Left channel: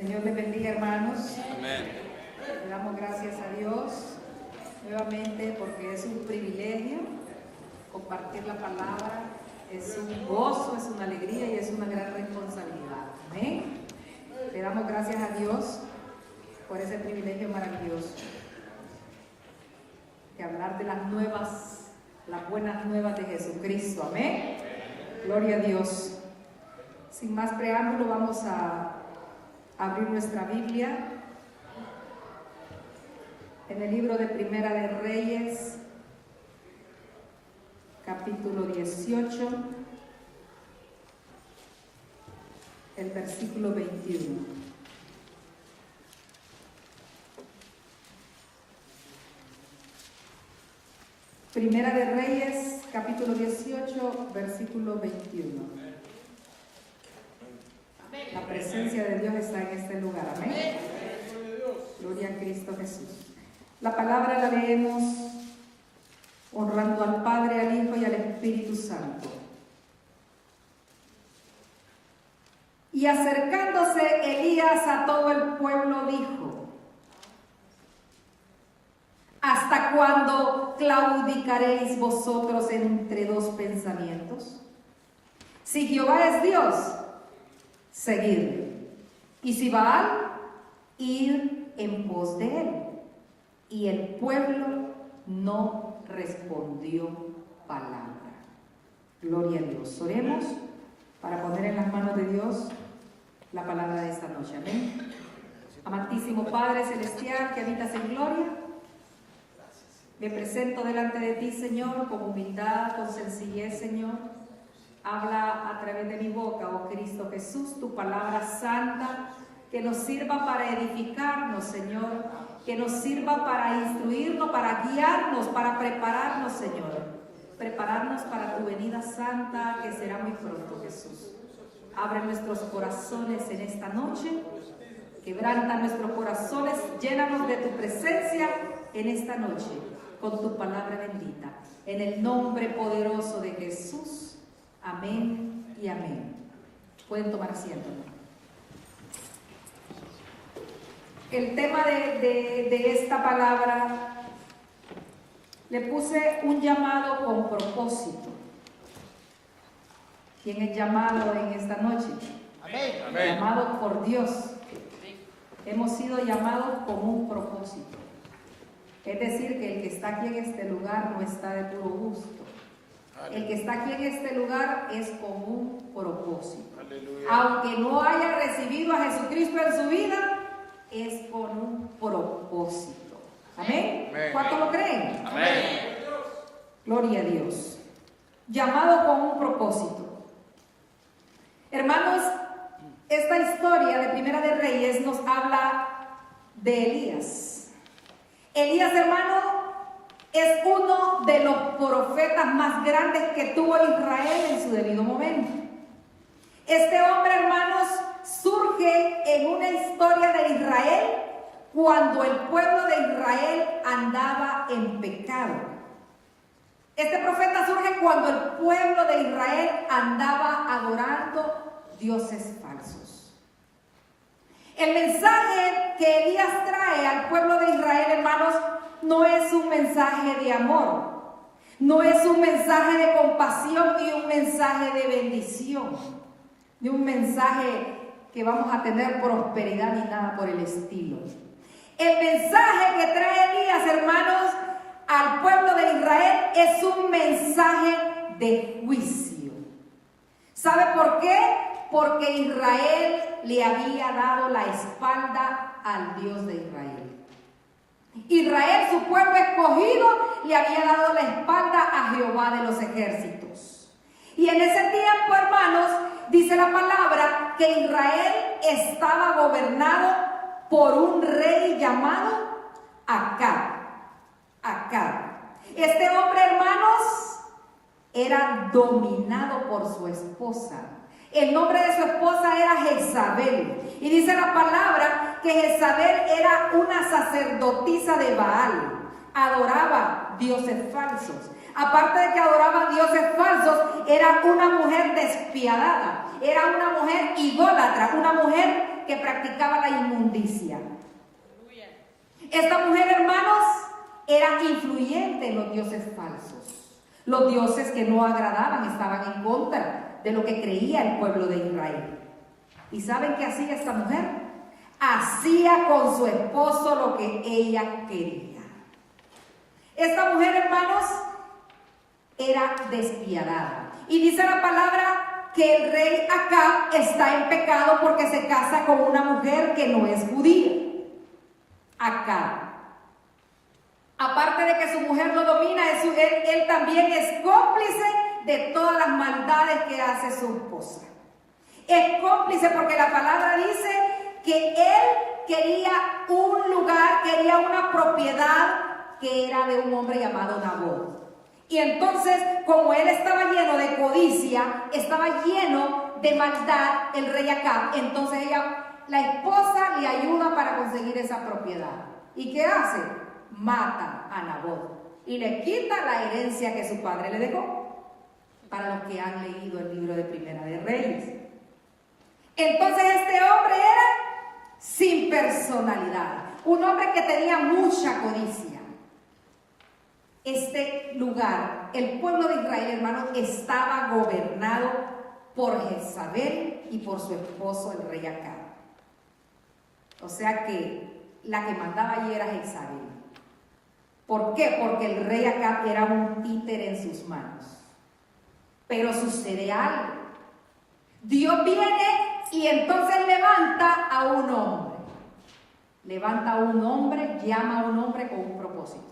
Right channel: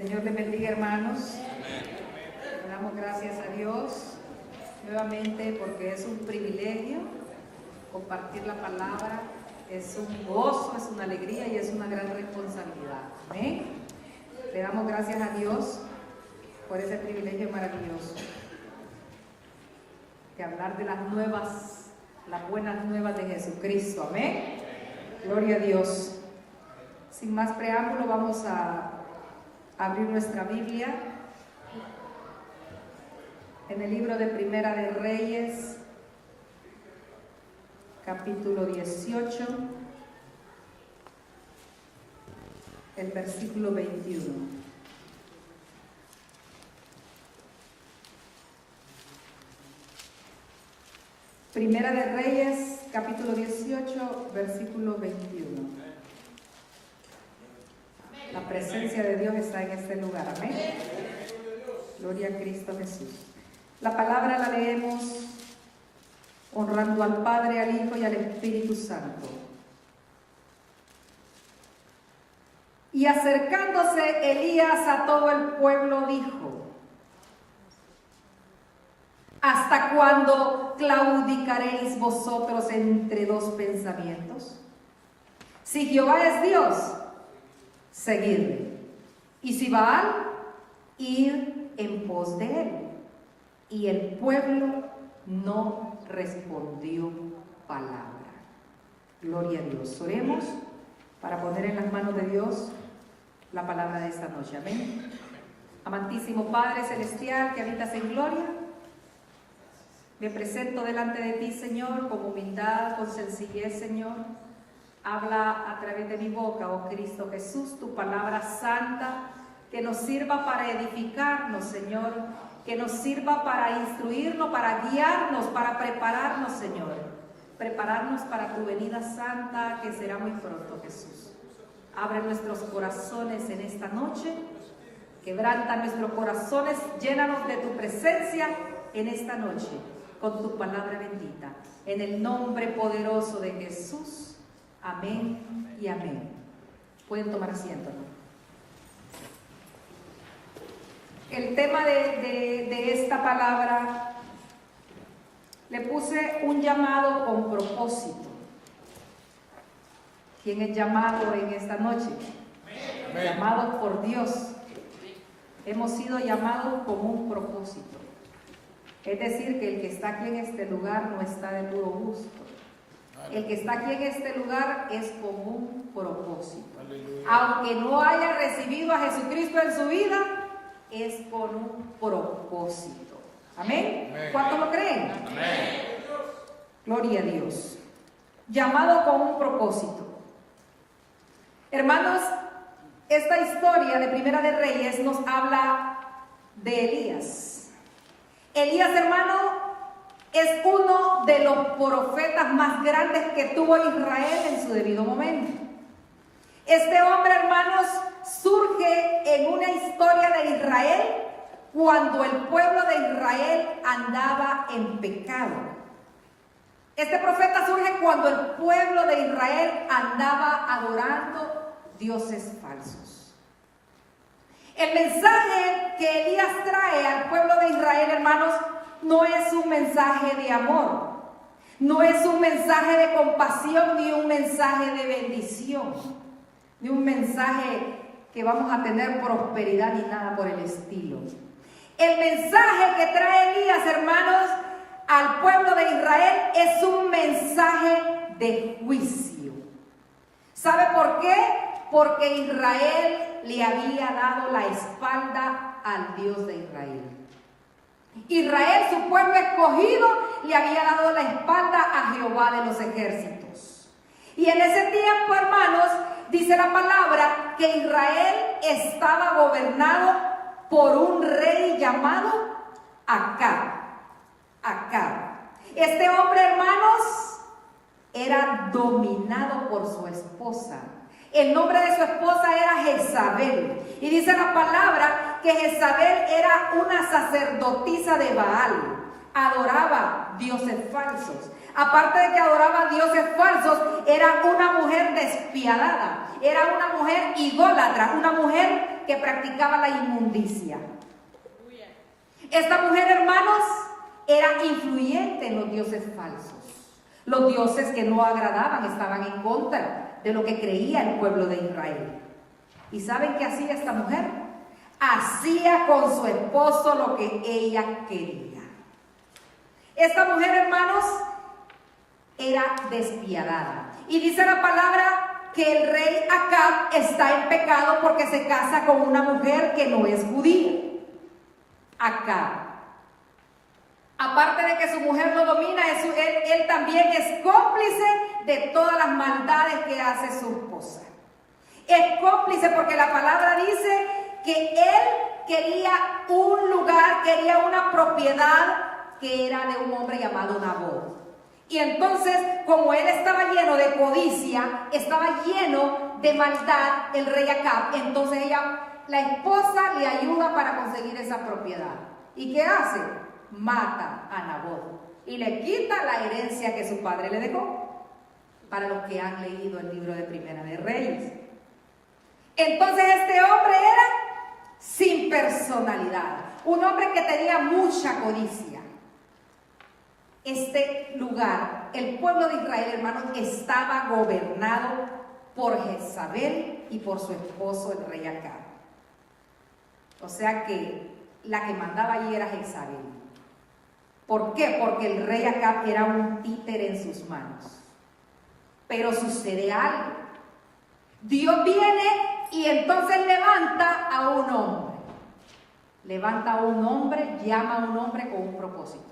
Señor les bendiga, hermanos. Le damos gracias a Dios nuevamente porque es un privilegio compartir la palabra, es un gozo, es una alegría y es una gran responsabilidad. Amén. Le damos gracias a Dios por ese privilegio maravilloso de hablar de las buenas nuevas de Jesucristo. Amén. Gloria a Dios. Sin más preámbulo, vamos a abrir nuestra Biblia en el libro de Primera de Reyes, capítulo 18, el versículo 21. Primera de Reyes, capítulo 18, versículo 21. La presencia de Dios está en este lugar. Amén. Gloria a Cristo Jesús. La palabra la leemos honrando al Padre, al Hijo y al Espíritu Santo. Y acercándose Elías a todo el pueblo dijo: ¿hasta cuándo claudicaréis vosotros entre dos pensamientos? Si Jehová es Dios, seguidle, y si Baal, ir en pos de él. Y el pueblo no respondió palabra. Gloria a Dios. Oremos para poner en las manos de Dios la palabra de esta noche. Amén. Amantísimo Padre Celestial que habitas en gloria, me presento delante de ti, Señor, con humildad, con sencillez, Señor. Habla a través de mi boca, oh Cristo Jesús, tu palabra santa, que nos sirva para edificarnos, Señor, que nos sirva para instruirnos, para guiarnos, para prepararnos, Señor. Prepararnos para tu venida santa, que será muy pronto, Jesús. Abre nuestros corazones en esta noche, quebranta nuestros corazones, llénanos de tu presencia en esta noche, con tu palabra bendita. En el nombre poderoso de Jesús. Amén y amén. Pueden tomar asiento, ¿no? El tema de esta palabra le puse un llamado con propósito. ¿Quién es llamado en esta noche? Amén. Llamado por Dios. Hemos sido llamados con un propósito. Es decir, que el que está aquí en este lugar no está de puro gusto. El que está aquí en este lugar es con un propósito. Aunque no haya recibido a Jesucristo en su vida, es con un propósito. ¿Amén? ¿Cuántos lo creen? Amén. Gloria a Dios. Llamado con un propósito. Hermanos, esta historia de Primera de Reyes nos habla de Elías. Elías, hermano, es uno de los profetas más grandes que tuvo Israel en su debido momento. Este hombre, hermanos, surge en una historia de Israel cuando el pueblo de Israel andaba en pecado. Este profeta surge cuando el pueblo de Israel andaba adorando dioses falsos. El mensaje que Elías trae al pueblo de Israel, hermanos, no es un mensaje de amor, no es un mensaje de compasión, ni un mensaje de bendición, ni un mensaje que vamos a tener prosperidad ni nada por el estilo. El mensaje que trae Elías, hermanos, al pueblo de Israel es un mensaje de juicio. ¿Sabe por qué? Porque Israel le había dado la espalda al Dios de Israel. Israel, su pueblo escogido, le había dado la espalda a Jehová de los ejércitos. Y en ese tiempo, hermanos, dice la palabra que Israel estaba gobernado por un rey llamado Acab. Este hombre, hermanos, era dominado por su esposa. El nombre de su esposa era Jezabel. Y dice la palabra que Jezabel era una sacerdotisa de Baal. adoraba dioses falsos. Aparte de que adoraba dioses falsos, era una mujer despiadada, era una mujer idólatra, una mujer que practicaba la inmundicia. Esta mujer, hermanos, era influyente en los dioses falsos. Los dioses que no agradaban estaban en contra de lo que creía el pueblo de Israel. ¿Y saben qué hacía esta mujer? Hacía con su esposo lo que ella quería. Esta mujer, hermanos, era despiadada. Y dice la palabra que el rey Acab está en pecado porque se casa con una mujer que no es judía. Acab. Aparte de que su mujer lo domina, él también es cómplice de todas las maldades que hace su esposa. Es cómplice porque la palabra dice que él quería un lugar, quería una propiedad que era de un hombre llamado Nabot. Y entonces, como él estaba lleno de codicia, estaba lleno de maldad, el rey Acab, entonces la esposa le ayuda para conseguir esa propiedad. ¿Y qué hace? Mata a Nabot y le quita la herencia que su padre le dejó. Para los que han leído el libro de Primera de Reyes. Entonces este hombre era sin personalidad, un hombre que tenía mucha codicia. Este lugar, el pueblo de Israel, hermanos, estaba gobernado por Jezabel y por su esposo, el rey Acab. O sea que la que mandaba allí era Jezabel. ¿Por qué? Porque el rey Acab era un títere en sus manos. Pero sucede algo. Dios viene y entonces levanta a un hombre. Levanta a un hombre, llama a un hombre con un propósito.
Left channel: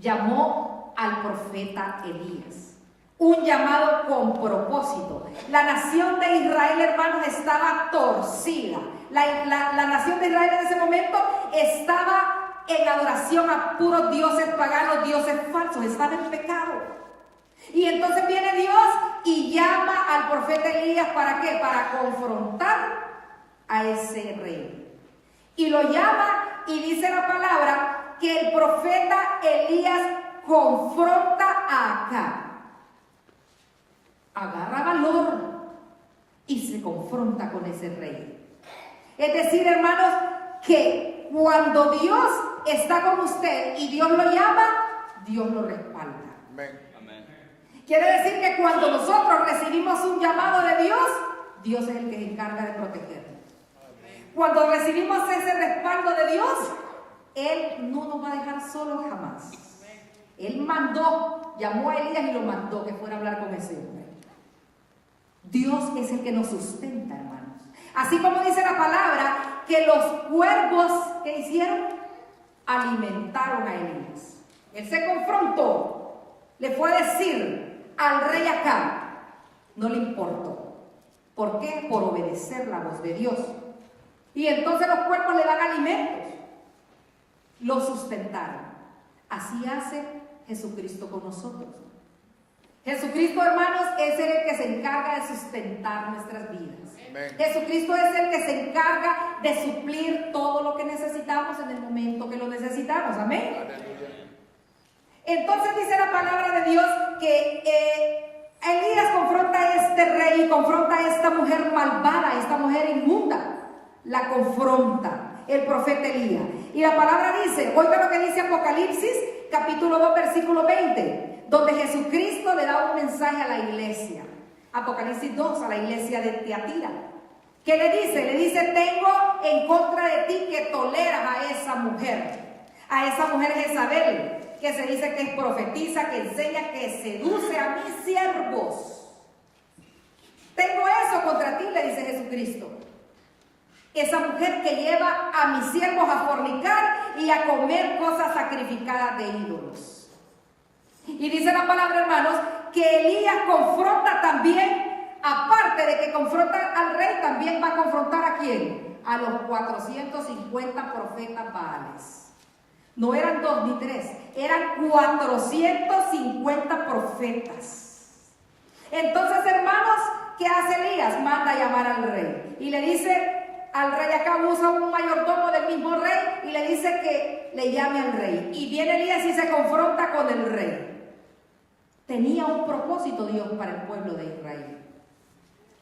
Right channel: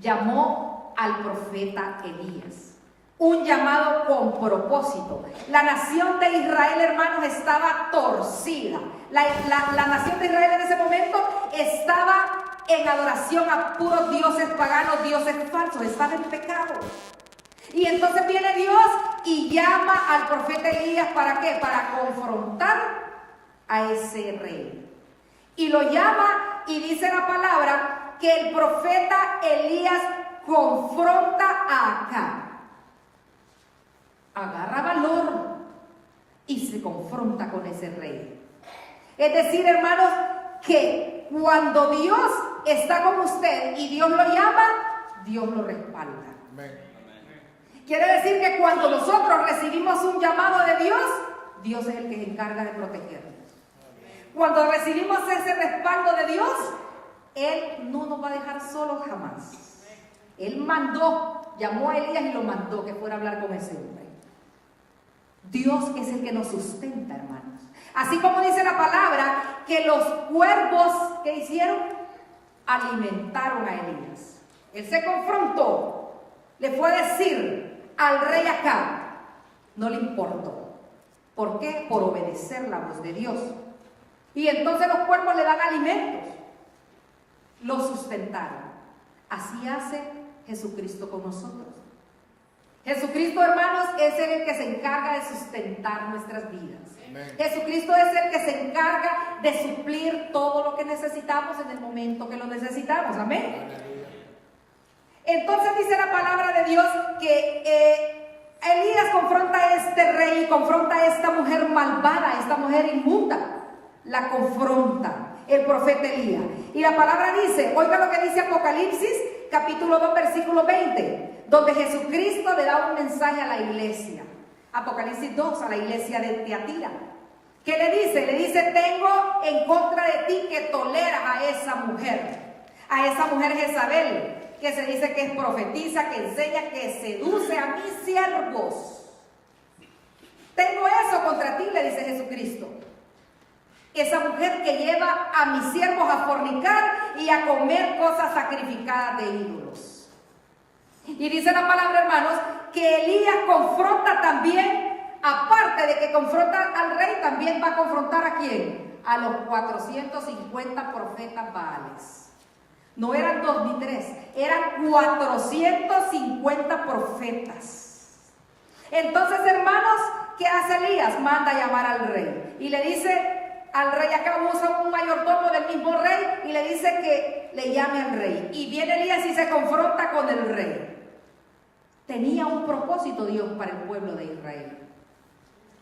Llamó al profeta Elías. Un llamado con propósito. La nación de Israel, hermanos, estaba torcida. La nación de Israel en ese momento estaba en adoración a puros dioses paganos, dioses falsos. Estaba en pecado. Y entonces viene Dios y llama al profeta Elías, ¿para qué? Para confrontar a ese rey. Y lo llama y dice la palabra que el profeta Elías confronta a Acab. Agarra valor y se confronta con ese rey. Es decir, hermanos, que cuando Dios está con usted y Dios lo llama, Dios lo respalda. Quiere decir que cuando nosotros recibimos un llamado de Dios, Dios es el que se encarga de protegernos. Cuando recibimos ese respaldo de Dios, Él no nos va a dejar solos jamás. Él llamó a Elías y lo mandó que fuera a hablar con ese hombre. Dios es el que nos sustenta, hermanos. Así como dice la palabra, que los cuervos, ¿qué hicieron? Alimentaron a Elías. Él se confrontó, le fue a decir al rey Acab, no le importó. ¿Por qué? Por obedecer la voz de Dios. Y entonces los cuervos le dan alimentos, lo sustentaron. Así hace Jesucristo con nosotros. Jesucristo, hermanos, es el que se encarga de sustentar nuestras vidas. Amén. Jesucristo es el que se encarga de suplir todo lo que necesitamos en el momento que lo necesitamos. Amén. Entonces dice la palabra de Dios que Elías confronta a este rey, confronta a esta mujer malvada, esta mujer inmunda. La confronta el profeta Elías. Y la palabra dice, oiga lo que dice Apocalipsis, capítulo 2, versículo 20, donde Jesucristo le da un mensaje a la iglesia. Apocalipsis 2, a la iglesia de Tiatira. ¿Qué le dice? Le dice, tengo en contra de ti que toleras a esa mujer Jezabel, que se dice que es profetiza, que enseña, que seduce a mis siervos. Tengo eso contra ti, le dice Jesucristo. Esa mujer que lleva a mis siervos a fornicar y a comer cosas sacrificadas de ídolos. Y dice la palabra, hermanos, que Elías confronta también, aparte de que confronta al rey, también va a confrontar ¿a quién? A los 450 profetas Baales. No eran 2 ni 3, eran 450 profetas. Entonces, hermanos, ¿qué hace Elías? Manda a llamar al rey y le dice, al rey Acab, usa un mayordomo del mismo rey y le dice que le llame al rey. Y viene Elías y se confronta con el rey. Tenía un propósito Dios para el pueblo de Israel.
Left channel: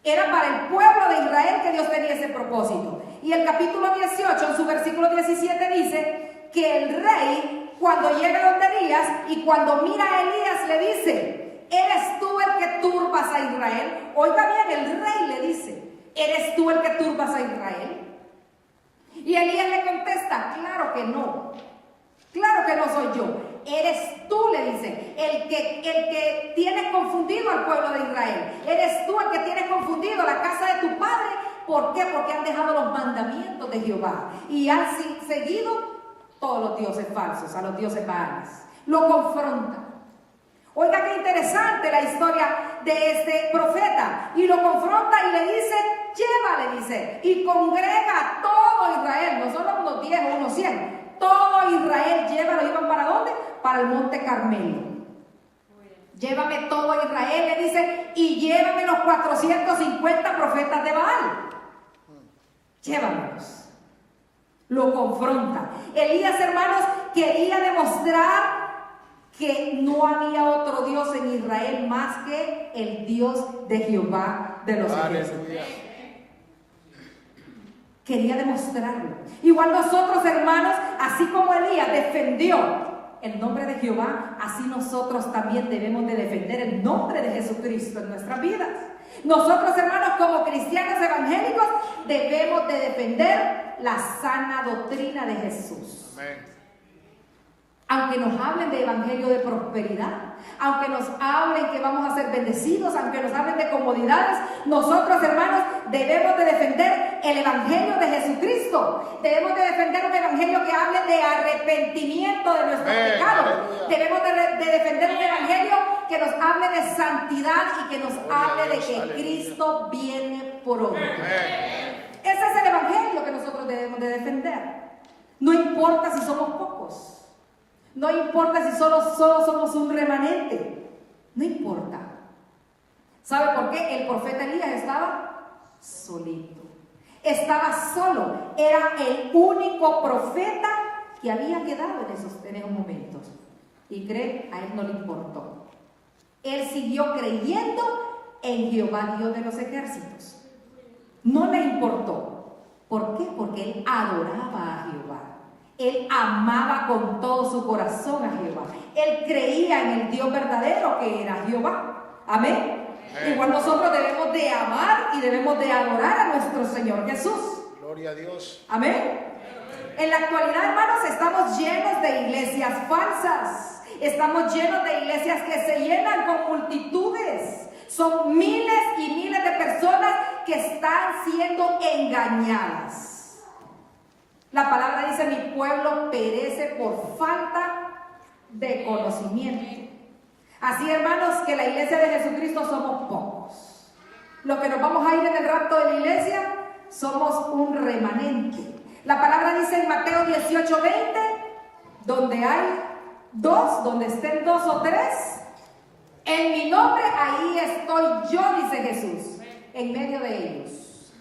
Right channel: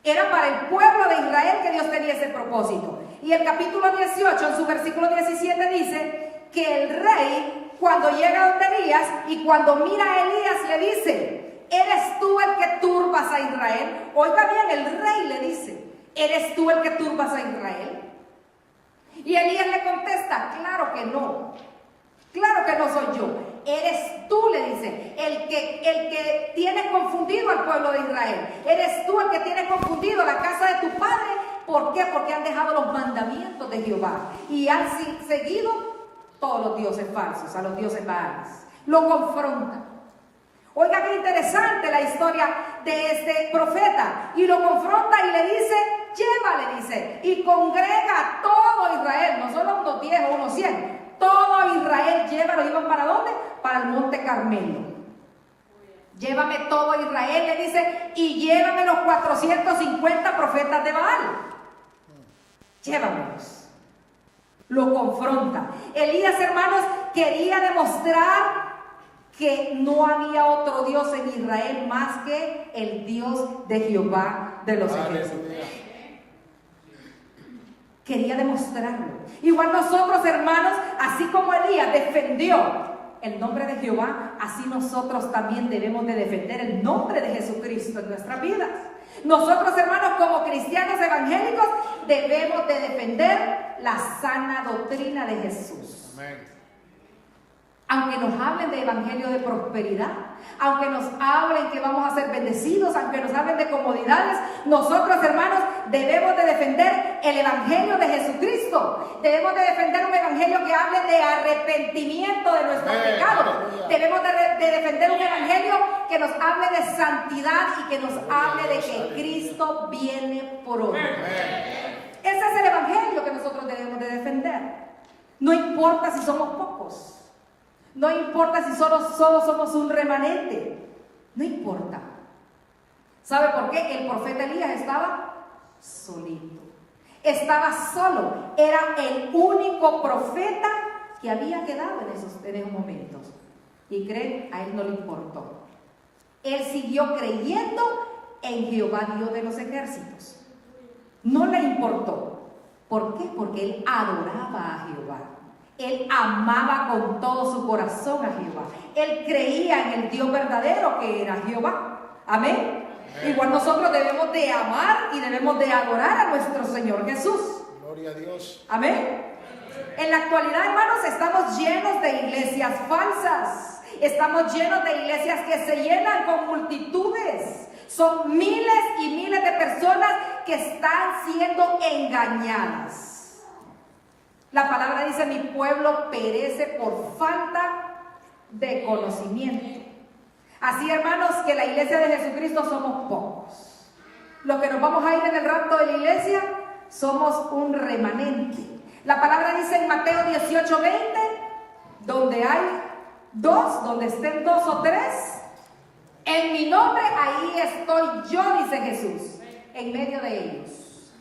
Era para el pueblo de Israel que Dios tenía ese propósito. Y el capítulo 18, en su versículo 17, dice que el rey, cuando llega donde Elías y cuando mira a Elías, le dice: ¿eres tú el que turbas a Israel? Oiga bien, el rey le dice: ¿eres tú el que turbas a Israel? Y Elías le contesta: claro que no. Claro que no soy yo. Eres tú, le dice, el que tienes confundido al pueblo de Israel. Eres tú el que tienes confundido la casa de tu padre. ¿Por qué? Porque han dejado los mandamientos de Jehová y han seguido todos los dioses falsos, a los dioses Baales. Lo confronta. Oiga qué interesante la historia de este profeta. Y lo confronta y le dice: llévale, dice, y congrega a todo Israel, no solo unos 10 o unos 100. Todo Israel, llévalo. ¿Iban para dónde? Para el monte Carmelo. Llévame todo Israel, le dice, y llévame los 450 profetas de Baal. Llévamelos. Lo confronta. Elías, hermanos, quería demostrar que no había otro Dios en Israel más que el Dios de Jehová de los ejércitos. Quería demostrarlo. Igual nosotros, hermanos, así como Elías defendió el nombre de Jehová, así nosotros también debemos de defender el nombre de Jesucristo en nuestras vidas. Nosotros, hermanos, como cristianos evangélicos, debemos de defender la sana doctrina de Jesús. Aunque nos hablen de evangelio de prosperidad, aunque nos hablen que vamos a ser bendecidos, aunque nos hablen de comodidades, nosotros, hermanos, debemos de defender el evangelio de Jesucristo. Debemos de defender un evangelio que hable de arrepentimiento de nuestros pecados. Debemos de defender un evangelio que nos hable de santidad y que nos hable de que Cristo viene pronto. Ese es el evangelio que nosotros debemos de defender. No importa si somos pocos. No importa si solo somos un remanente. No importa. ¿Sabe por qué? El profeta Elías estaba solito. Estaba solo. Era el único profeta que había quedado en esos momentos. Y creen, a él no le importó. Él siguió creyendo en Jehová, Dios de los ejércitos. No le importó. ¿Por qué? Porque él adoraba a Jehová. Él amaba con todo su corazón a Jehová. Él creía en el Dios verdadero que era Jehová. Amén. Igual nosotros debemos de amar y debemos de adorar a nuestro Señor Jesús. Gloria a Dios. Amén. En la actualidad, hermanos, estamos llenos de iglesias falsas. Estamos llenos de iglesias que se llenan con multitudes. Son miles y miles de personas que están siendo engañadas. La palabra dice: mi pueblo perece por falta de conocimiento. Así, hermanos, que la iglesia de Jesucristo somos pocos. Los que nos vamos a ir en el rapto de la iglesia somos un remanente. La palabra dice en Mateo 18:20, donde hay donde estén 2 o 3, en mi nombre, ahí estoy yo, dice Jesús, en medio de ellos.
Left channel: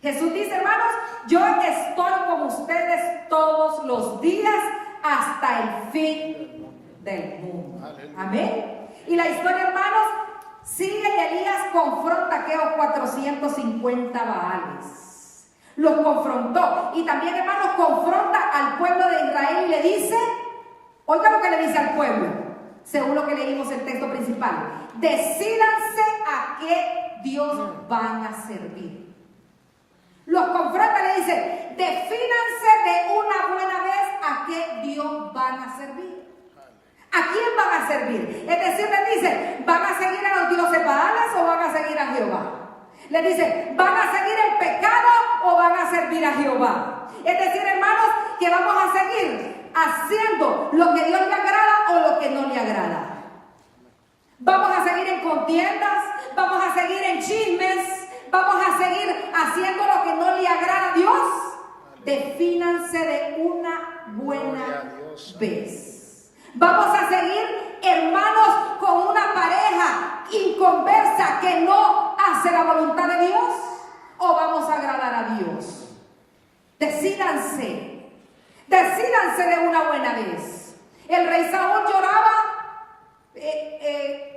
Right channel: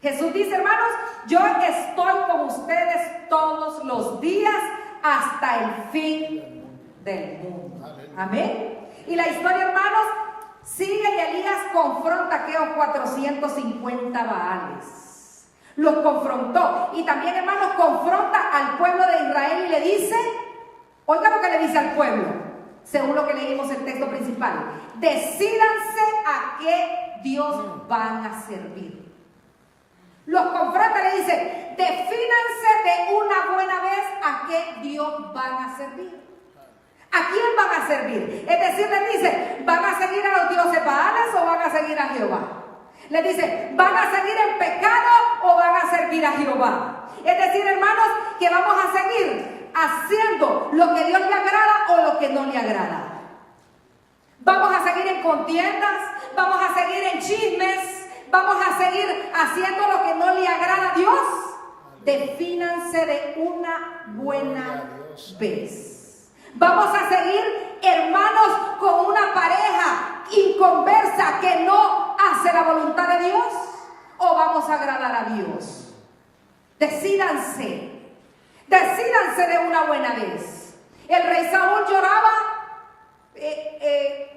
Jesús dice, hermanos, yo estoy con ustedes todos los días hasta el fin del mundo. Amén. Y la historia, hermanos, sigue y Elías confronta a aquellos 450 Baales. Los confrontó. Y también, hermanos, confronta al pueblo de Israel y le dice, oiga lo que le dice al pueblo, según lo que leímos el texto principal: decídanse a qué Dios van a servir. Los confronta y le dice, defínanse de una buena vez a qué Dios van a servir. ¿A quién van a servir? Es decir, les dice, ¿van a seguir a los dioses Baales o van a seguir a Jehová? Les dice, ¿van a seguir en pecado o van a servir a Jehová? Es decir, hermanos, que vamos a seguir haciendo lo que Dios le agrada o lo que no le agrada. Vamos a seguir en contiendas, vamos a seguir en chismes, vamos a seguir haciendo lo que no le agrada a Dios. Defínanse de una buena vez. Vamos a seguir, hermanos, con una pareja inconversa que no hace la voluntad de Dios, o vamos a agradar a Dios. Decídanse de una buena vez. El rey Saúl lloraba,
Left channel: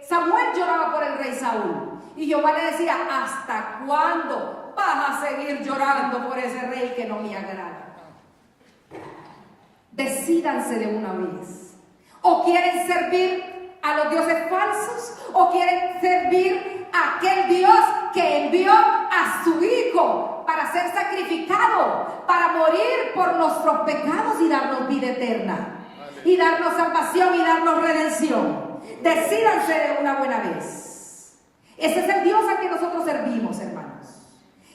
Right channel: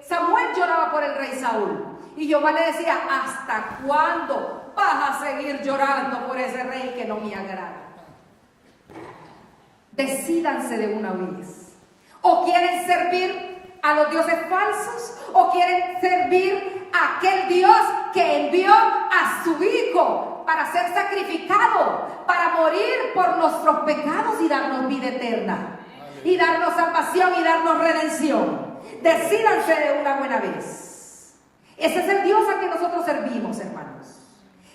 Samuel lloraba por el rey Saúl. Y Jehová le decía, ¿hasta cuándo vas a seguir llorando por ese rey que no me agrada? Decídanse de una vez. ¿O quieren servir a los dioses falsos? ¿O quieren servir a aquel Dios que envió a su Hijo para ser sacrificado, para morir por nuestros pecados y darnos vida eterna, y darnos salvación y darnos redención? Decídanse de una buena vez. Ese es el Dios al que nosotros servimos, hermanos.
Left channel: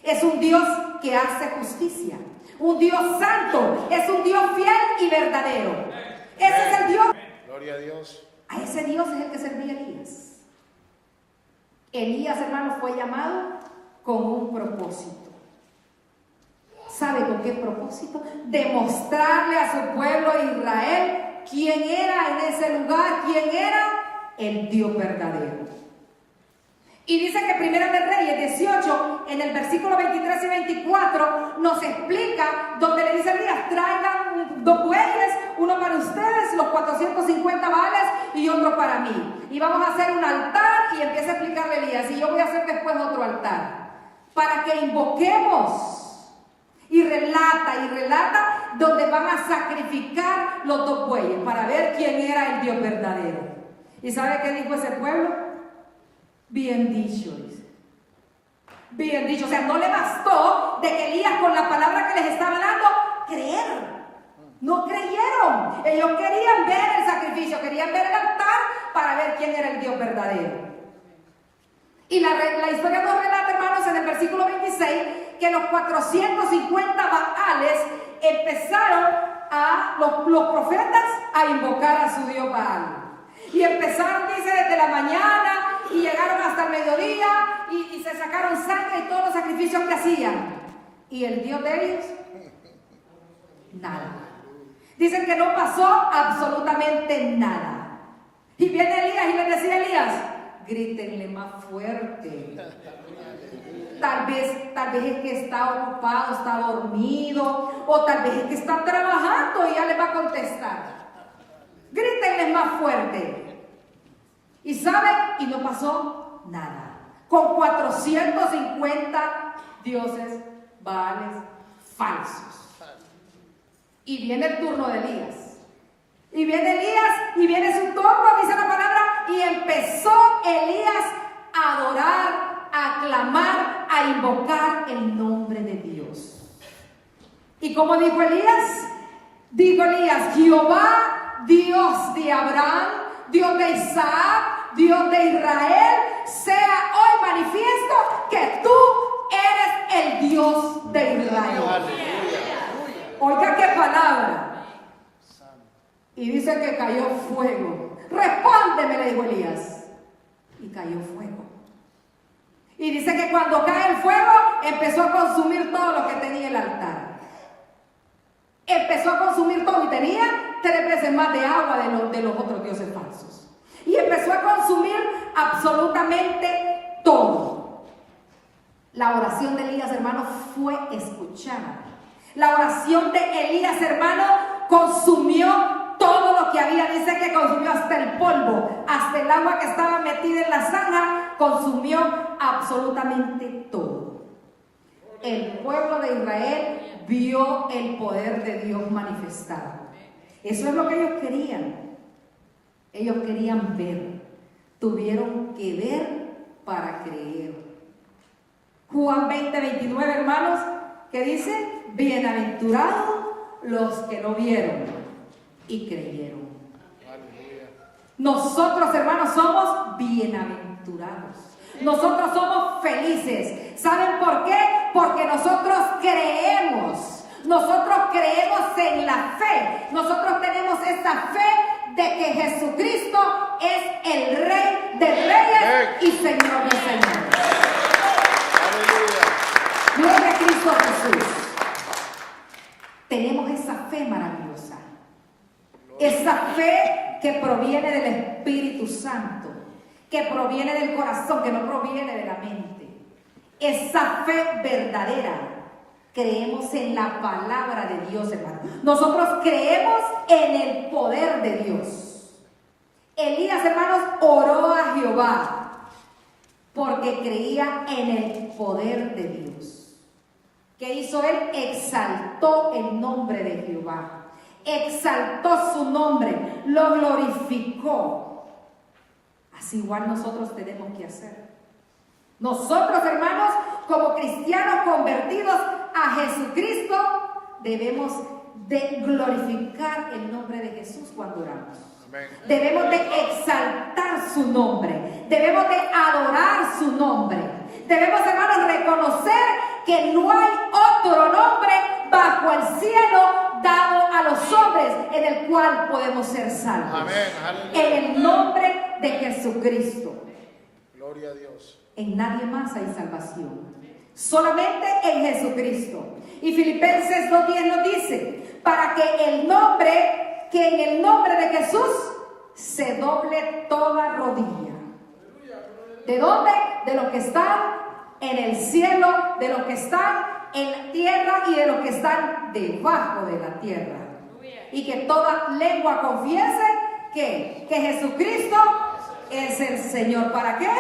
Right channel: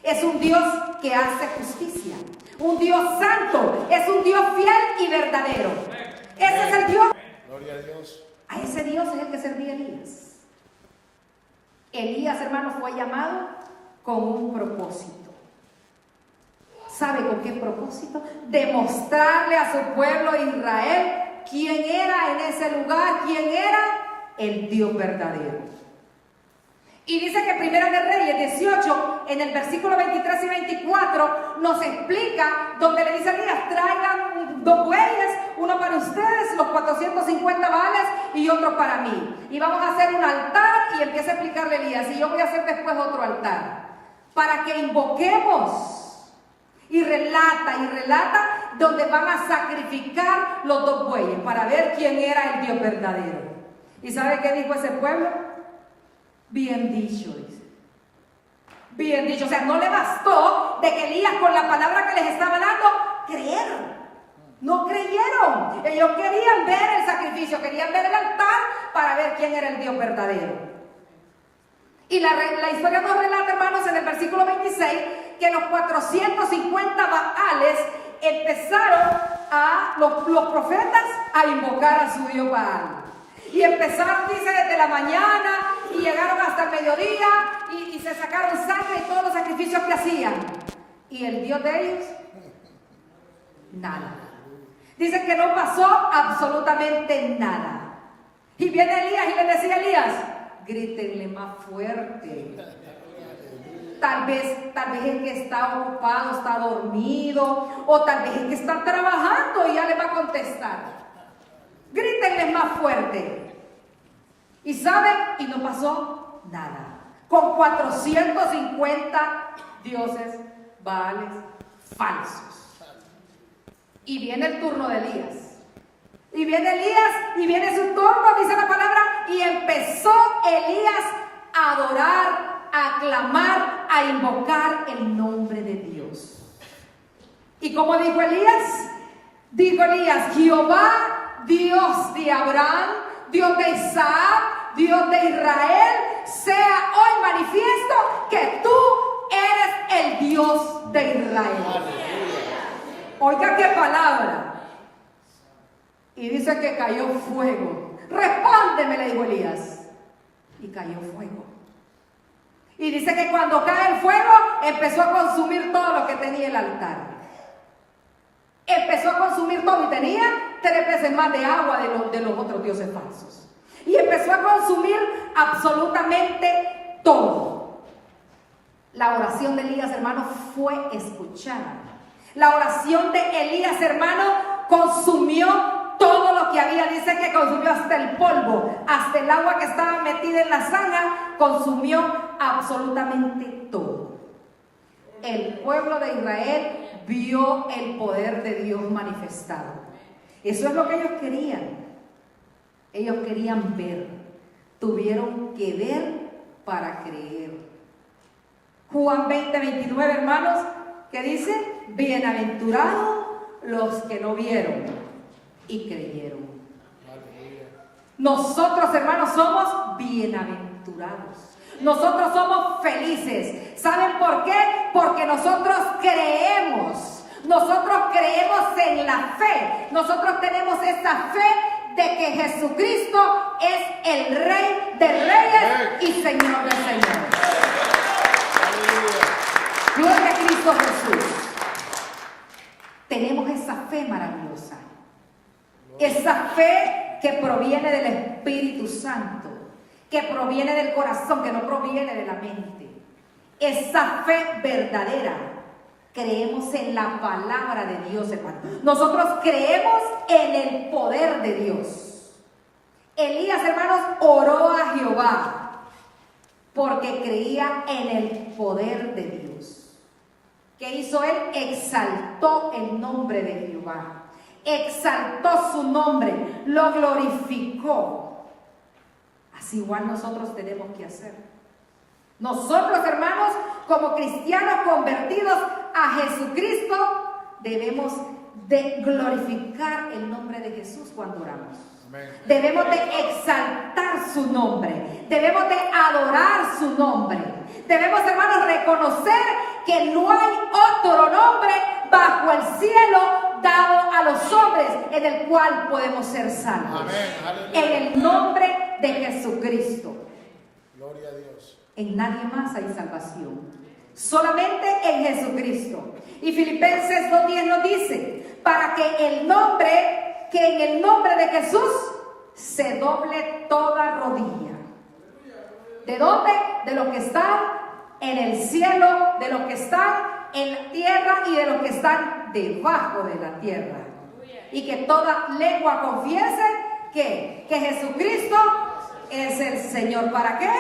Es un Dios que hace justicia, un Dios santo, es un Dios fiel y verdadero. Ese es el Dios. A ese Dios es el que servía Elías. Elías, hermanos, fue llamado con un propósito. ¿Sabe con qué propósito? Demostrarle a su pueblo Israel quién era en ese lugar, quién era el Dios verdadero. Y dice que Primera de Reyes 18, en el versículo 23 y 24, nos explica, donde le dice a Elías, traigan 2 bueyes, uno para ustedes, los 450 vales y otro para mí. Y vamos a hacer un altar, y empieza a explicarle a Elías, y yo voy a hacer después otro altar, para que invoquemos. Y relata donde van a sacrificar los 2 bueyes, para ver quién era el Dios verdadero. ¿Y sabe qué dijo ese pueblo? Bien dicho, dice. Bien dicho. O sea, no le bastó de que Elías, con la palabra que les estaba dando, creer. No creyeron. Ellos querían ver el sacrificio, querían ver el altar para ver quién era el Dios verdadero. Y la historia nos relata, hermanos, en el versículo 26, que los 450 baales empezaron los profetas a invocar a su Dios Baal. Y empezaron, dice, desde la mañana y llegaron hasta el mediodía y se sacaron sangre y todos los sacrificios que hacían. Y el Dios de ellos, nada. Dicen que no pasó absolutamente nada. Y viene Elías y le decía a Elías, grítenle más fuerte. Tal vez es que está ocupado, está dormido, o tal vez es que está trabajando y ya le va a contestar. Grítenle más fuerte. Y saben, y no pasó nada. Con 450 dioses baales falsos. Y viene el turno de Elías. Y viene Elías, y viene su turno, dice la palabra, y empezó Elías a adorar, a clamar, a invocar el nombre de Dios. ¿Y cómo dijo Elías? Dijo Elías, Jehová, Dios de Abraham, Dios de Isaac, Dios de Israel, sea hoy manifiesto que tú eres el Dios de Israel. Oiga qué palabra. Y dice que cayó fuego. Respóndeme, le dijo Elías. Y cayó fuego. Y dice que cuando cae el fuego, empezó a consumir todo lo que tenía el altar. Empezó a consumir todo y tenía 3 veces más de agua de los otros dioses falsos. Y empezó a consumir absolutamente todo. La oración de Elías, hermano, fue escuchada. La oración de Elías, hermano, consumió todo lo que había. Dice que consumió hasta el polvo, hasta el agua que estaba metida en la zanja, consumió absolutamente todo. El pueblo de Israel vio el poder de Dios manifestado. Eso es lo que ellos querían. Ellos querían ver. Tuvieron que ver para creer. Juan 20, 29, hermanos, que dice, bienaventurados los que no vieron y creyeron. Nosotros, hermanos, somos bienaventurados. Nosotros somos felices. ¿Saben por qué? Porque nosotros creemos. Nosotros creemos en la fe. Nosotros tenemos esa fe de que Jesucristo es el Rey de Reyes y Señor de Señores. Gloria a Cristo Jesús. Tenemos esa fe maravillosa. Esa fe que proviene del Espíritu Santo, que proviene del corazón, que no proviene de la mente. Esa fe verdadera. Creemos en la palabra de Dios, hermano. Nosotros creemos en el poder de Dios. Elías, hermanos, oró a Jehová porque creía en el poder de Dios. ¿Qué hizo él? Exaltó el nombre de Jehová. Exaltó su nombre, lo glorificó. Así igual nosotros tenemos que hacer. Nosotros, hermanos, como cristianos convertidos a Jesucristo, debemos de glorificar el nombre de Jesús cuando oramos. Debemos de exaltar su nombre. Debemos de adorar su nombre. Debemos, hermanos, reconocer que no hay otro nombre bajo el cielo dado a los hombres en el cual podemos ser salvos. En el nombre de Jesucristo. Gloria a Dios. En nadie más hay salvación. Solamente en Jesucristo. Y Filipenses 2:10 nos dice, para que en el nombre de Jesús se doble toda rodilla. ¿De dónde? De los que están en el cielo, de los que están en la tierra y de los que están debajo de la tierra. Y que toda lengua confiese que Jesucristo es el Señor. ¿Para qué?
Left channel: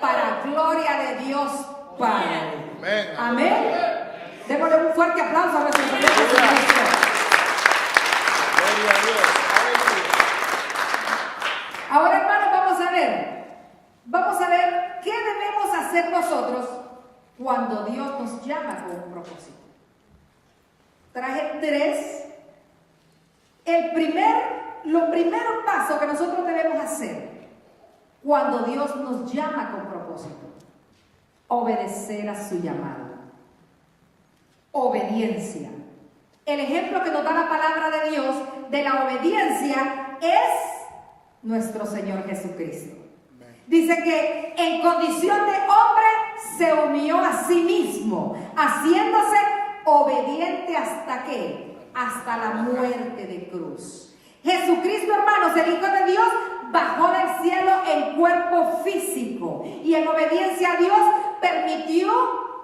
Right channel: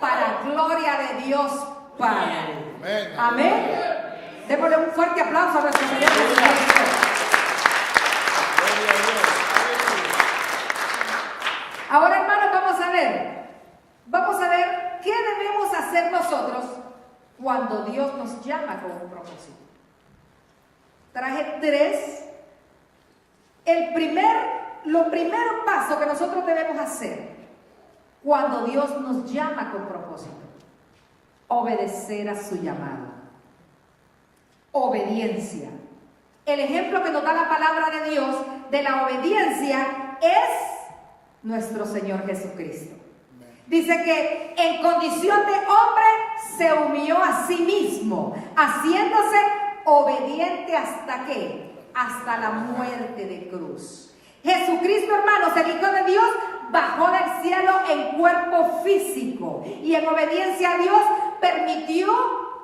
Para gloria de Dios Padre. Amén. Démosle un fuerte aplauso a nuestro Señor Jesucristo. Ahora, hermanos, vamos a ver qué debemos hacer nosotros cuando Dios nos llama con un propósito. Traje 3. Los primeros pasos que nosotros debemos hacer cuando Dios nos llama con propósito: obedecer a su llamado. Obediencia. El ejemplo que nos da la palabra de Dios de la obediencia es nuestro Señor Jesucristo. Dice que en condición de hombre se humilló a sí mismo, haciéndose obediente ¿hasta qué? Hasta la muerte de cruz. Jesucristo, hermanos, el Hijo de Dios, bajó del cielo en cuerpo físico y en obediencia a Dios permitió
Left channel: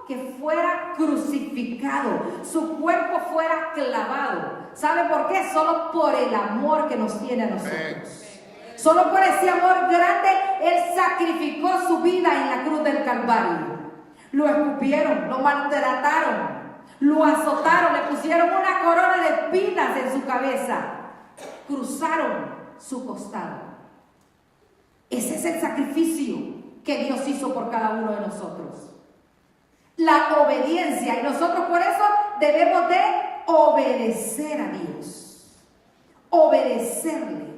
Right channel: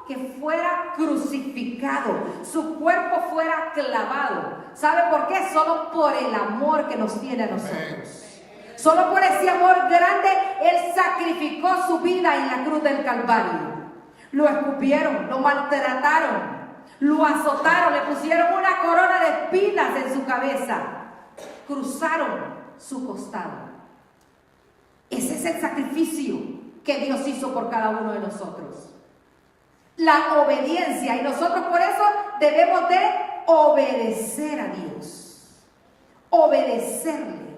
que fuera crucificado, su cuerpo fuera clavado. ¿Sabe por qué? Solo por el amor que nos tiene a nosotros. Solo por ese amor grande, Él sacrificó su vida en la cruz del Calvario. Lo escupieron, lo maltrataron, lo azotaron, le pusieron una corona de espinas en su cabeza, cruzaron su costado. Ese es el sacrificio que Dios hizo por cada uno de nosotros. La obediencia, y nosotros por eso debemos de obedecer a Dios, obedecerle.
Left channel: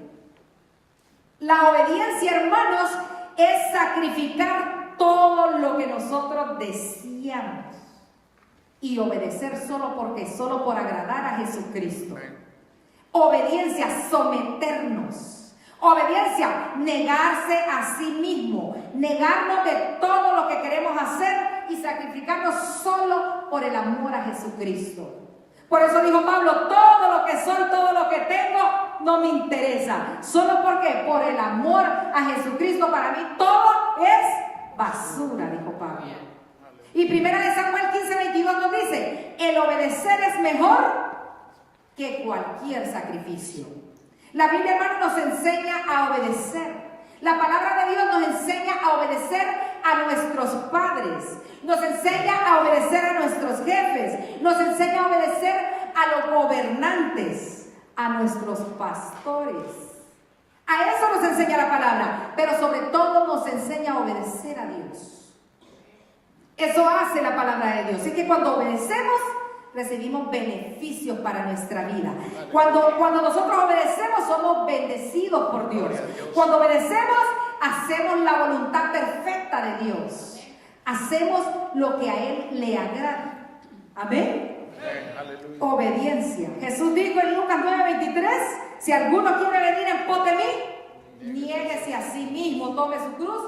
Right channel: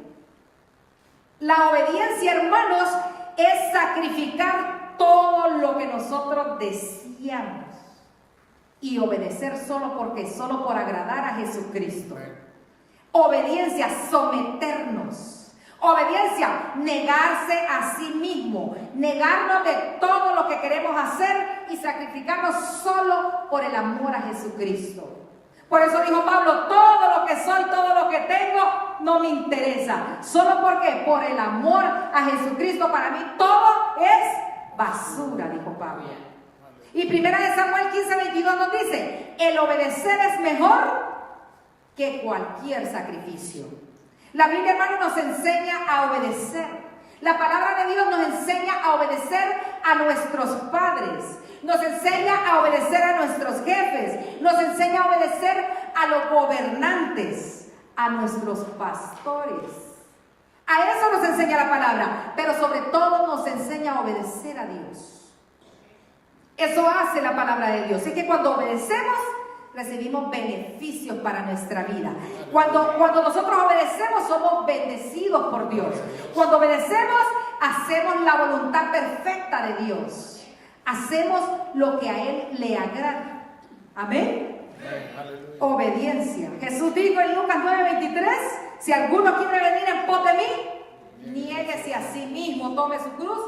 La obediencia, hermanos, es sacrificar todo lo que nosotros deseamos y obedecer solo por agradar a Jesucristo. Obediencia, someternos. Obediencia, negarse a sí mismo, negarnos de todo lo que queremos hacer y sacrificarnos solo por el amor a Jesucristo. Por eso dijo Pablo, todo lo que soy, todo lo que tengo, no me interesa. ¿Solo porque? Por el amor a Jesucristo, para mí todo es basura, dijo Pablo. Y 1 Samuel 15:22 nos dice, el obedecer es mejor que cualquier sacrificio. La Biblia, hermano, nos enseña a obedecer. La palabra de Dios nos enseña a obedecer a nuestros padres, nos enseña a obedecer a nuestros jefes, nos enseña a obedecer a los gobernantes, a nuestros pastores. A eso nos enseña la palabra, pero sobre todo nos enseña a obedecer a Dios. Eso hace la palabra de Dios. Así que cuando obedecemos, recibimos beneficios para nuestra vida. Cuando nosotros obedecemos, somos bendecidos por Dios. Cuando obedecemos, hacemos la voluntad perfecta de Dios. Hacemos lo que a Él le agrada. Amén. Obediencia. Jesús dijo en Lucas 9:23, si alguno quiere venir en pos de mí, niéguese a sí mismo, tome su cruz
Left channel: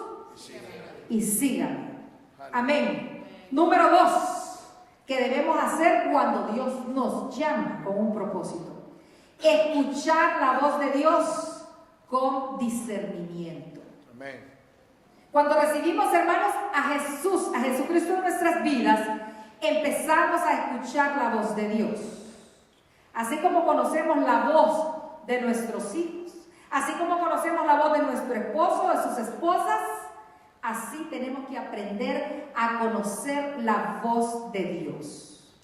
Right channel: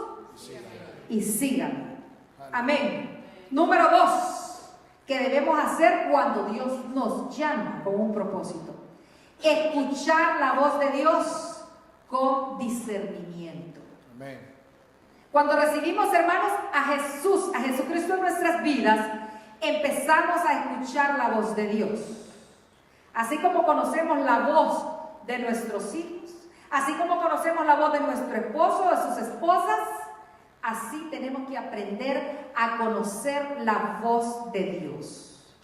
y sígame. Amén. Número 2. Que debemos hacer cuando Dios nos llama con un propósito: escuchar la voz de Dios con discernimiento. Cuando recibimos, hermanos, a Jesucristo en nuestras vidas, empezamos a escuchar la voz de Dios. Así como conocemos la voz de nuestros hijos, así como conocemos la voz de nuestro esposo, de sus esposas, así tenemos que aprender a conocer la voz de Dios,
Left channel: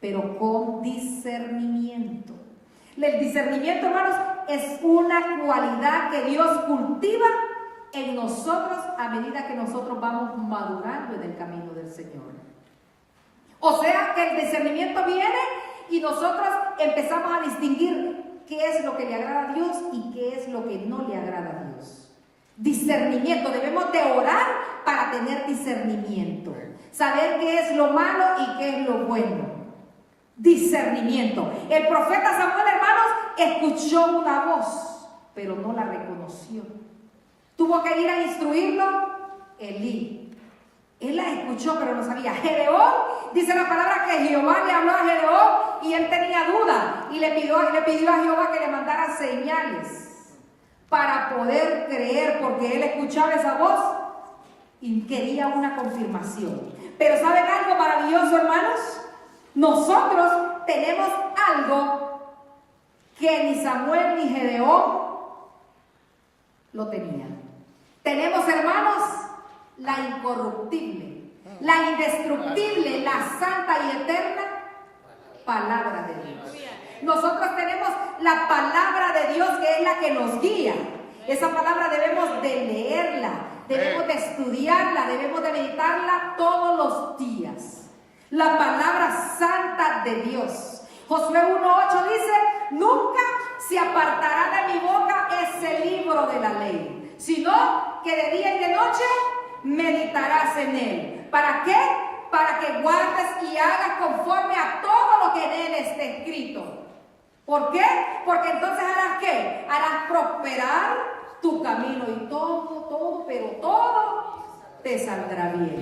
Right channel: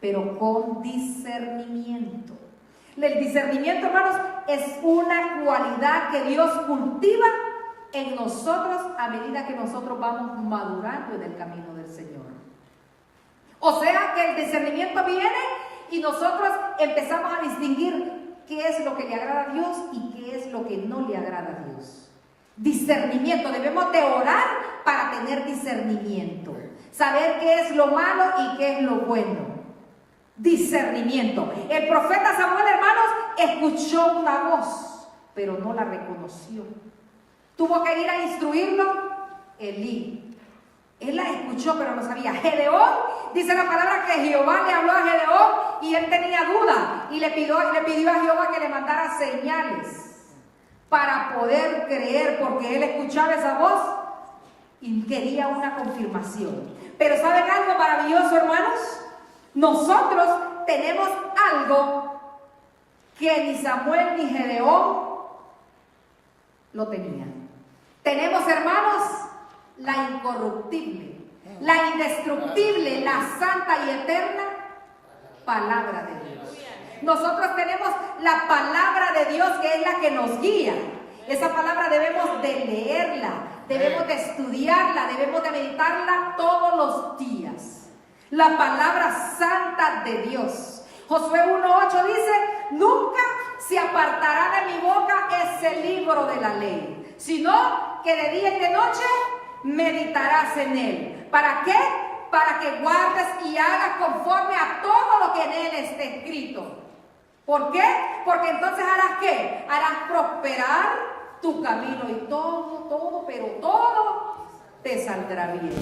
pero con discernimiento. El discernimiento, hermanos, es una cualidad que Dios cultiva en nosotros a medida que nosotros vamos madurando en el camino del Señor. O sea que el discernimiento viene y nosotros empezamos a distinguir qué es lo que le agrada a Dios y qué es lo que no le agrada a Dios. Discernimiento, debemos de orar para tener discernimiento, saber qué es lo malo y qué es lo bueno. Discernimiento. El profeta Samuel, hermanos, escuchó una voz, pero no la reconoció. Tuvo que ir a instruirlo Elí. Él la escuchó, pero no sabía. Gedeón, dice la palabra que Jehová le habló a Gedeón y él tenía duda y le pidió a Jehová que le mandara señales para poder creer, porque él escuchaba esa voz y quería una confirmación. Pero ¿saben algo maravilloso, hermanos? Nosotros tenemos algo que ni Samuel ni Gedeón lo tenían. Tenemos, hermanos, la incorruptible, la indestructible, la santa y eterna palabra de Dios. Nosotros tenemos la palabra de Dios, que es la que nos guía. Esa palabra debemos de leerla, debemos de estudiarla, debemos de meditarla todos los días. La palabra santa de Dios. Josué 1:8 dice: nunca se apartará de mi boca ese libro de la ley, sino que de día y de noche meditarás en él. ¿Para qué? Para que guardes y hagas conforme a todo lo que en él esté escrito. ¿Por qué? Porque entonces harás ¿qué? Harás prosperar tu camino y todo te saldrá bien.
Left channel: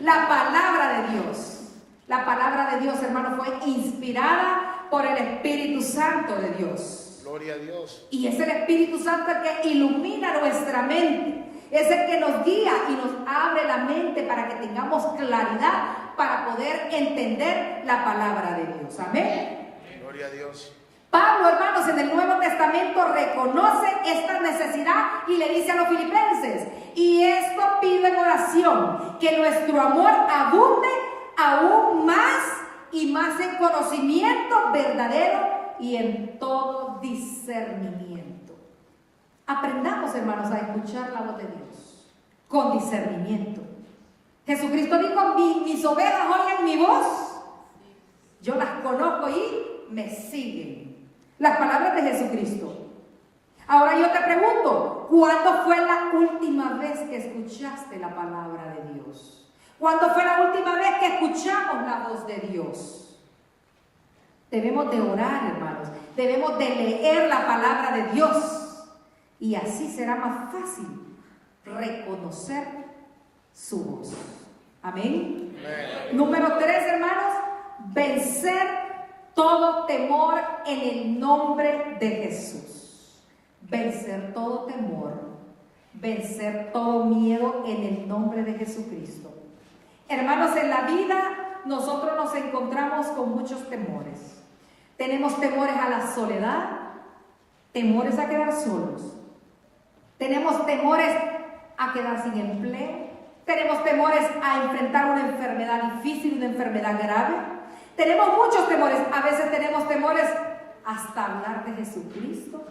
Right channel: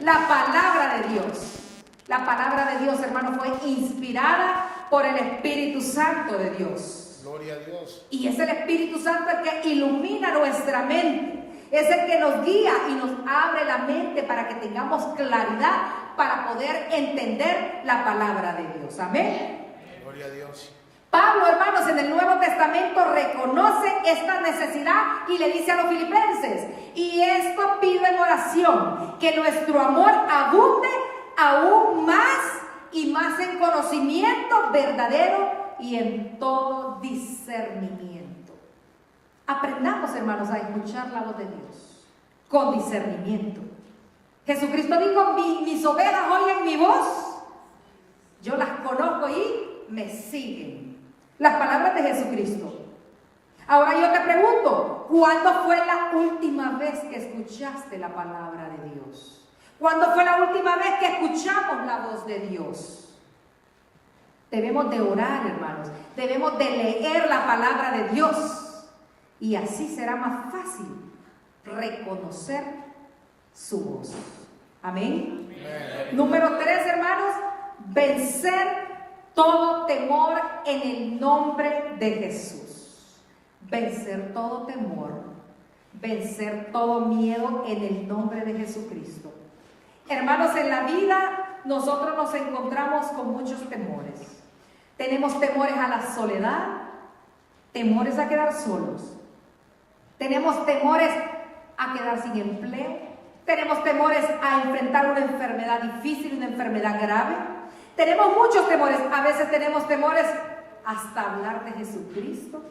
La palabra de Dios. La palabra de Dios, hermano, fue inspirada por el Espíritu Santo de Dios. Gloria a Dios. Y es el Espíritu Santo el que ilumina nuestra mente. Es el que nos guía y nos abre la mente para que tengamos claridad para poder entender la palabra de Dios. Amén. Gloria a Dios. Pablo, hermanos, en el Nuevo Testamento reconoce esta necesidad y le dice a los filipenses: y esto pido en oración, que nuestro amor abunde aún más y más en conocimiento verdadero y en todo discernimiento. Aprendamos, hermanos, a escuchar la voz de Dios con discernimiento. Jesucristo dijo: mis ovejas oyen mi voz, yo las conozco y me siguen. Las palabras de Jesucristo. Ahora yo te pregunto, ¿cuándo fue la última vez que escuchaste la palabra de Dios? ¿Cuándo fue la última vez que escuchamos la voz de Dios? Debemos de orar, hermanos. Debemos de leer la palabra de Dios. Y así será más fácil reconocer su voz. Amén. Número 3, hermanos. Vencer todo temor en el nombre de Jesús. Vencer todo temor. Vencer todo miedo en el nombre de Jesucristo. Hermanos, en la vida nosotros nos encontramos con muchos temores. Tenemos temores a la soledad, temores a quedar solos. Tenemos temores a quedar sin empleo. Tenemos temores a enfrentar una enfermedad difícil, una enfermedad grave. Tenemos muchos temores. A veces tenemos temores hasta hablar de Jesucristo.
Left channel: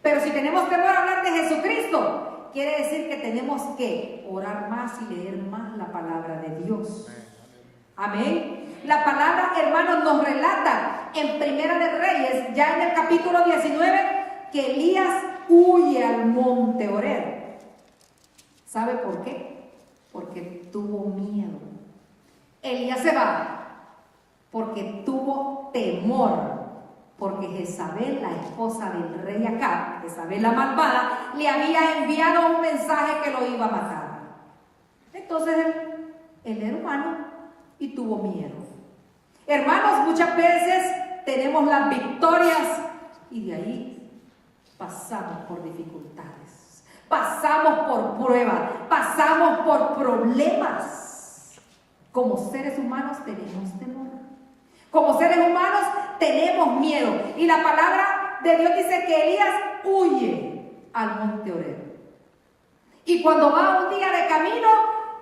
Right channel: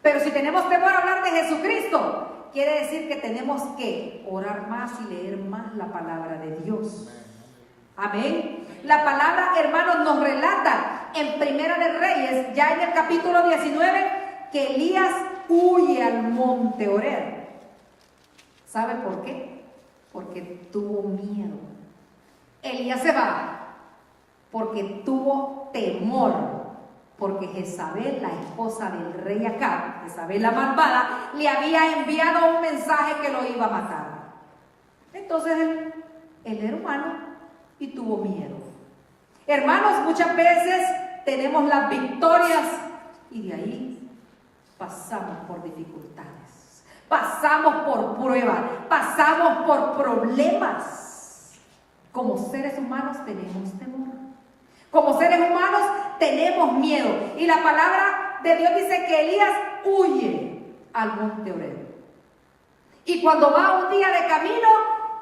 Pero si tenemos temor a hablar de Jesucristo, quiere decir que tenemos que orar más y leer más la palabra de Dios. Amén. La palabra, hermanos, nos relata en Primera de Reyes, ya en el capítulo 19, que Elías huye al monte Horeb. ¿Sabe por qué? Porque tuvo miedo. Elías se va porque tuvo temor. Porque Jezabel, la esposa del rey Acab, Jezabel la malvada, le había enviado un mensaje que lo iba a matar. Entonces él era humano y tuvo miedo. Hermanos, muchas veces tenemos las victorias y de ahí pasamos por dificultades, pasamos por pruebas, pasamos por problemas. Como seres humanos tenemos temor. Como seres humanos tenemos miedo. Y la palabra de Dios dice que Elías huye al monte Horeb. Y cuando va un día de camino,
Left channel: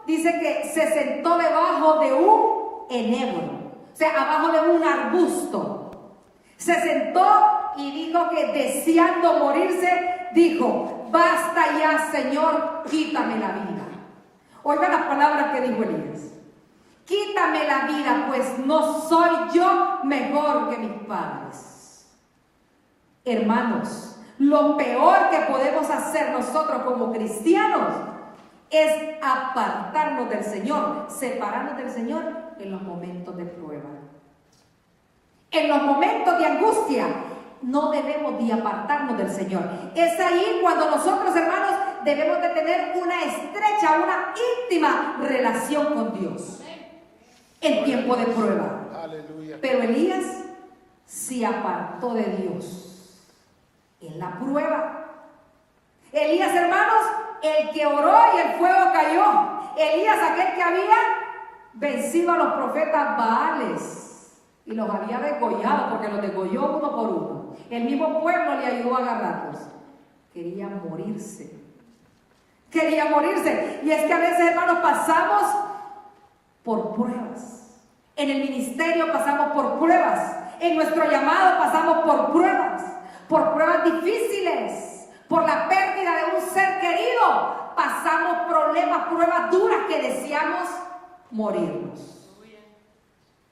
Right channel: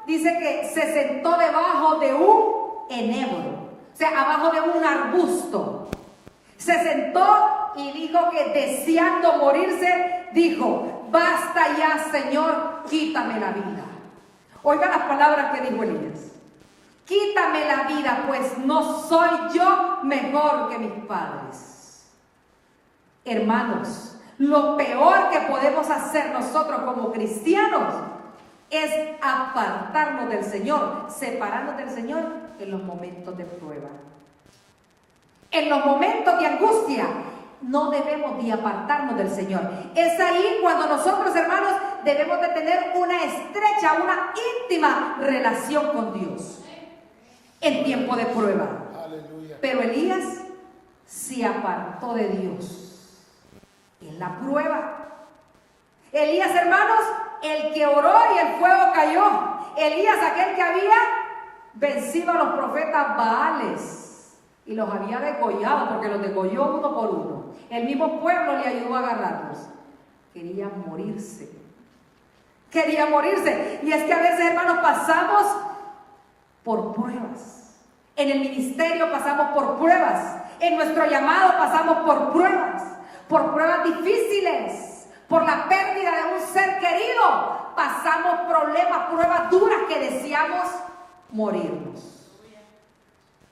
dice que se sentó debajo de un enebro. O sea, abajo de un arbusto. Se sentó y dijo que deseando morirse, dijo: basta ya, Señor, quítame la vida. Oiga las palabras que dijo Elías. Quítame la vida, pues no soy yo mejor que mis padres. Hermanos, lo peor que podemos hacer nosotros como cristianos es apartarnos del Señor, separarnos del Señor en los momentos de prueba. En los momentos de angustia no debemos de apartarnos del Señor. Es ahí cuando nosotros, hermanos, debemos de tener una estrecha, una íntima relación con Dios en tiempo de prueba. Pero Elías se apartó de Dios en la prueba. Elías, hermanos, el que oró y el fuego cayó. Elías, aquel que había vencido a los profetas Baales y los había degollado, porque los degolló uno por uno. El mismo pueblo le ayudó a agarrarlos. Quería morirse. Quería morirse. Y es que a veces, hermanos, pasamos por pruebas. En el ministerio pasamos por pruebas. En nuestro llamado pasamos por pruebas difíciles, por la pérdida de un ser querido. Pasamos problemas, pruebas duras que deseamos morirnos.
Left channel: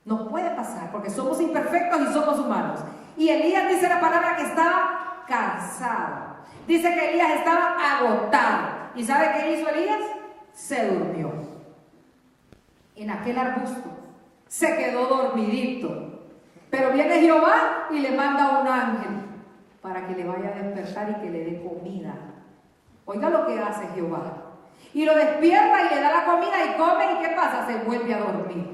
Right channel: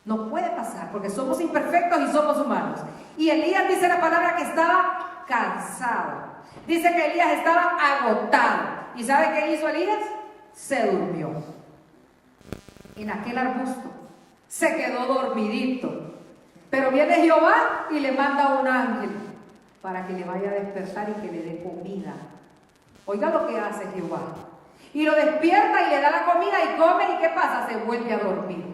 No puede pasar porque somos imperfectos y somos humanos. Y Elías, dice la palabra, que estaba cansado. Dice que Elías estaba agotado. ¿Y sabe qué hizo Elías? Se durmió en aquel arbusto. Se quedó dormidito. Pero viene Jehová y le manda un ángel para que le vaya a despertar y que le dé comida. Oiga lo que hace Jehová. Y lo despierta y le da la comida y come. ¿Y qué pasa? Se vuelve a dormir.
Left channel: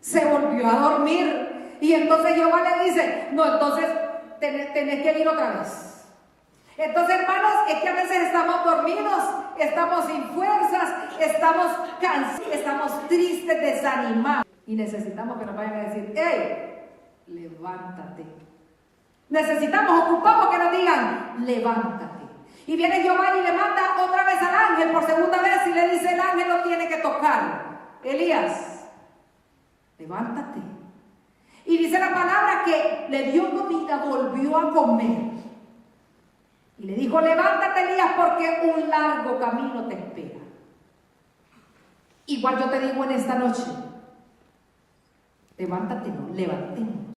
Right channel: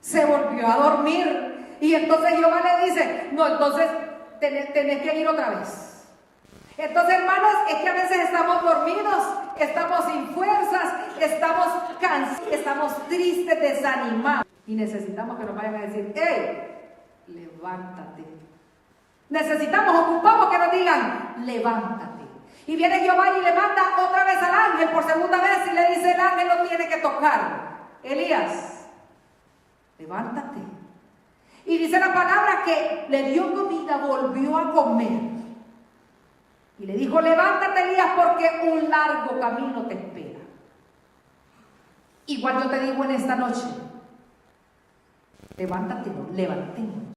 Se volvió a dormir. Y entonces Jehová le dice: no, entonces tenés que ir otra vez. Entonces, hermanos, es que a veces estamos dormidos, estamos sin fuerzas, estamos cansados, estamos tristes, desanimados. Y necesitamos que nos vayan a decir: ¡hey! Levántate. Ocupamos que nos digan: levántate. Y viene Jehová y le manda otra vez al ángel por segunda vez y le dice: el ángel lo tiene que tocar. Elías, levántate. Y dice la palabra que le dio comida, volvió a comer. Y le dijo: levántate, Elías, porque un largo camino te espera. Igual yo te digo en esta noche: levántate, no, levantémonos.